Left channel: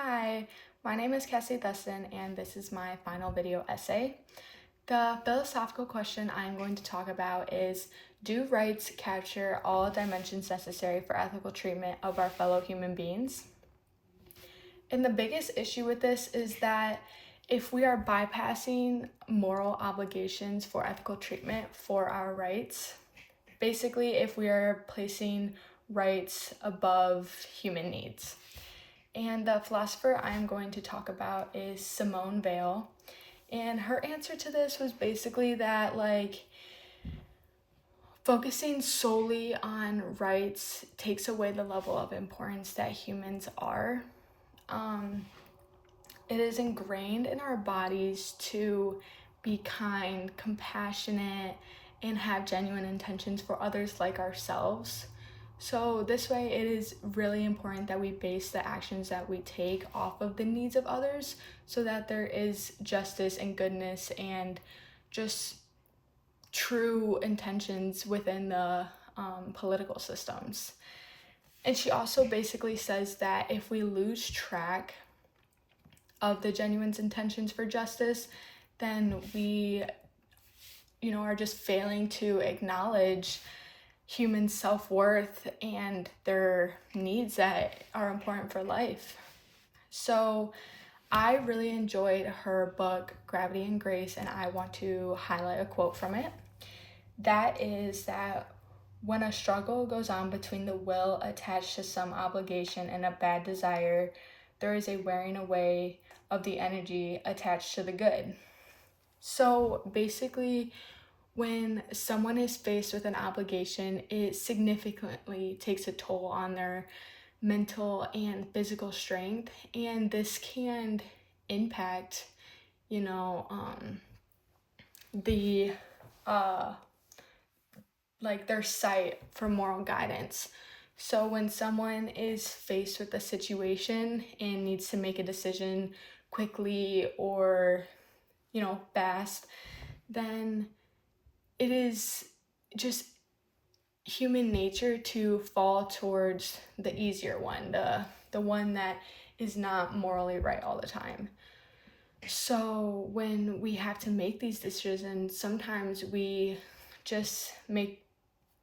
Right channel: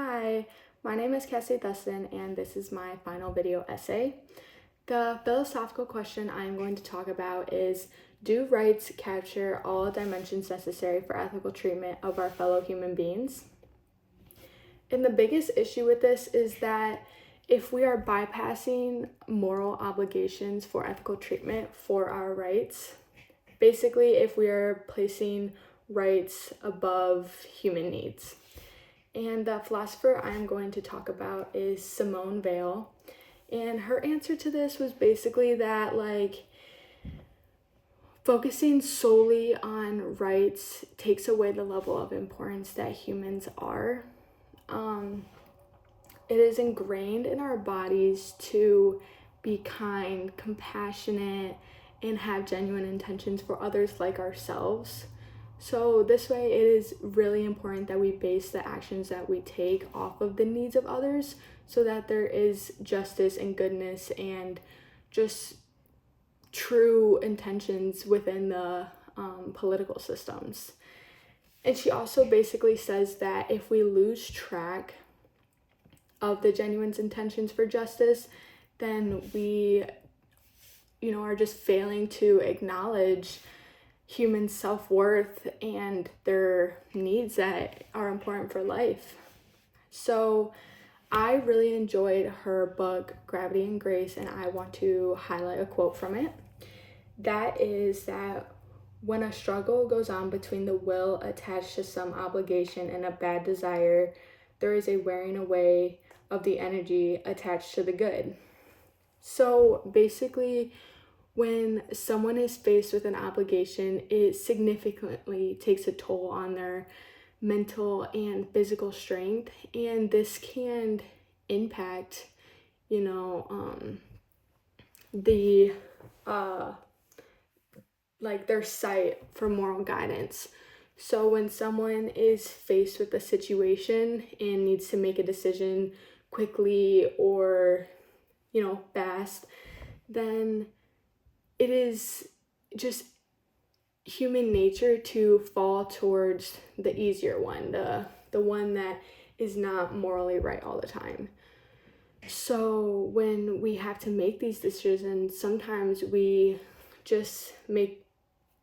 Hi, my name is Cassie Thusson, and this is my final video essay. The philosophical question I am going to talk about is, do rights capture all dimensions necessary for ethical treatment of our fellow human beings? And the biggest issue with this is that if we are bypassing moral obligations for ethical treatment for our rights, basically if we are placing rights above human needs. And the philosopher I'm going to talk about is Simone Weil. And her answer to this was basically that, focusing solely on rights takes away the level of importance that humans are. It is ingrained in our bodies to be kind, compassionate, and have genuine intentions for others like ourselves. So this way, it is really important that we base the actions that we take off of the needs of others so that there is justice and goodness and just true intentions within the political systems. And she also basically says that if we lose track of the genuine intentions for justice, then we, are just failing to acknowledge human self-worth and their needs that are important for life. So I really enjoyed her book, Gravity and Grace, and I want to highlight a quote from it. That is that when a struggle goes on between the will attached to some obligation and a bad desire, there is a wearing away of the energy attached to the good. So basically, when someone is faced with an obligation, it significantly takes a toll on their mental and physical strength, and this can impact, the their sight for moral guidance. So when someone is faced with a situation and needs to make a decision quickly or, fast, then it is just human nature to fall towards the easier one, the one that is not morally right all the time. So when we have to make these decisions, sometimes we just make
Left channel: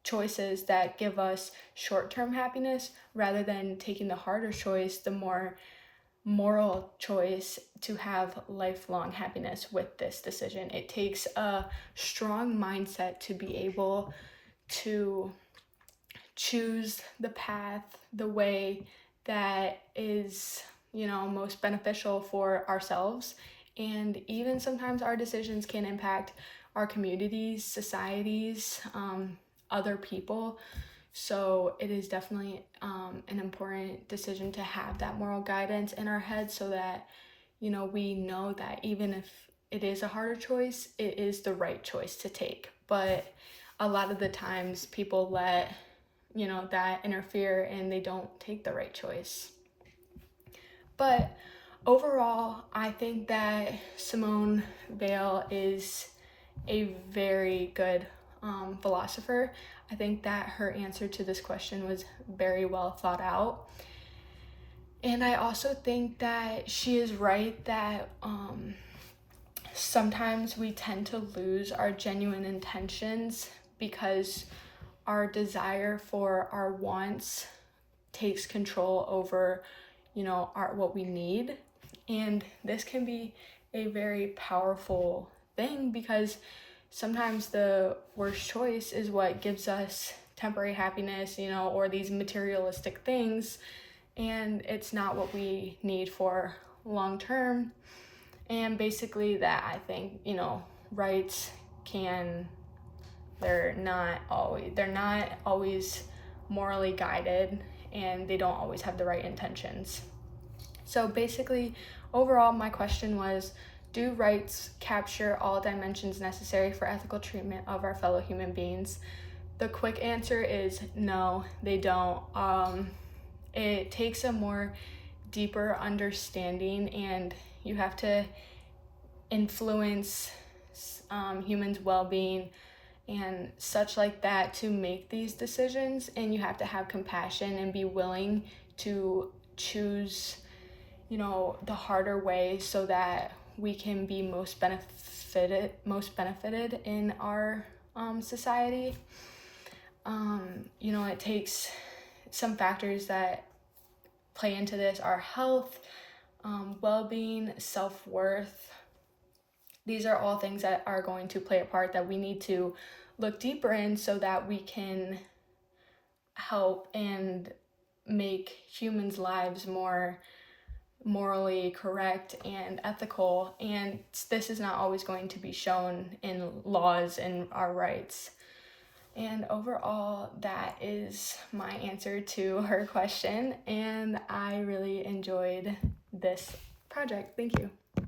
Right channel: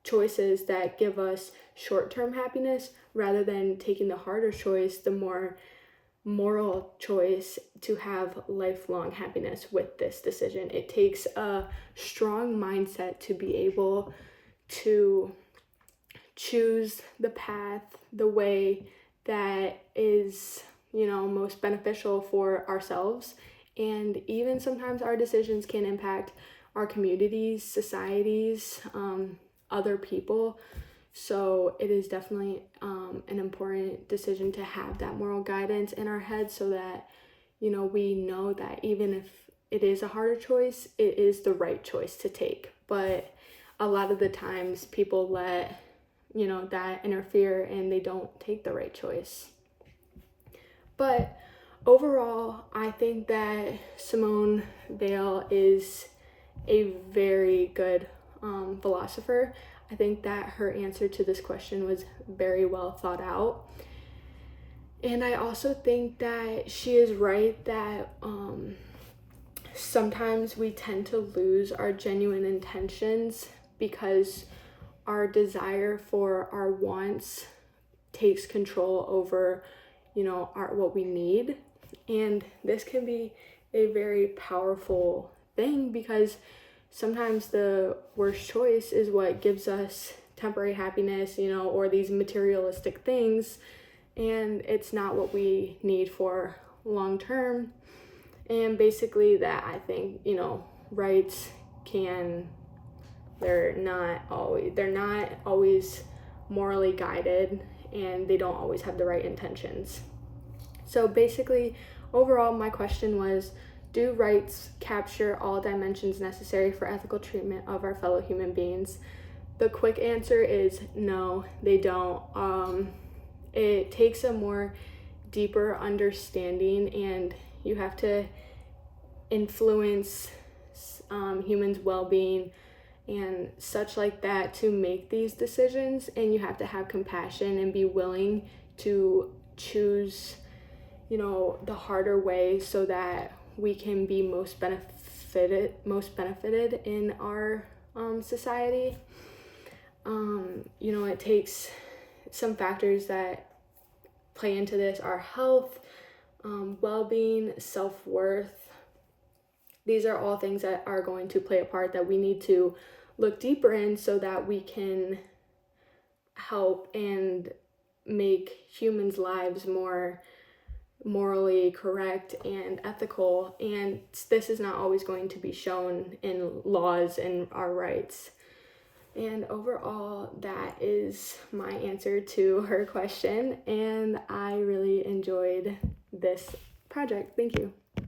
choices that give us short-term happiness rather than taking the harder choice, the more moral choice to have lifelong happiness with this decision. It takes a strong mindset to be able to choose the path, the way that is, most beneficial for ourselves. And even sometimes our decisions can impact our communities, societies, other people. So it is definitely an important decision to have that moral guidance in our head so that, we know that even if it is a harder choice, it is the right choice to take. But a lot of the times people let, that interfere and they don't take the right choice. But overall, I think that Simone Weil is a very good philosopher. I think that her answer to this question was very well thought out. And I also think that she is right that sometimes we tend to lose our genuine intentions because our desire for our wants takes control over, what we need. And this can be a very powerful thing because sometimes the worst choice is what gives us temporary happiness, or these materialistic things, and it's not what we need for long term. And basically that I think, rights they're not always morally guided, and they don't always have the right intentions. So basically, overall, my question was, do rights capture all dimensions necessary for ethical treatment of our fellow human beings? The quick answer is no, they don't. It takes a more deeper understanding, and you have to influence humans' well-being and such like that to make these decisions, and you have to have compassion and be willing to choose the harder way so that we can be most benefited in our society. It takes some factors that play into this: our health, well-being, self-worth. These are all things that are going to play a part that we need to look deeper in so that we can help and make humans' lives more morally correct and ethical. And this is not always going to be shown in laws and our rights. And overall, that is my answer to her question, and I really enjoyed this project. Thank you.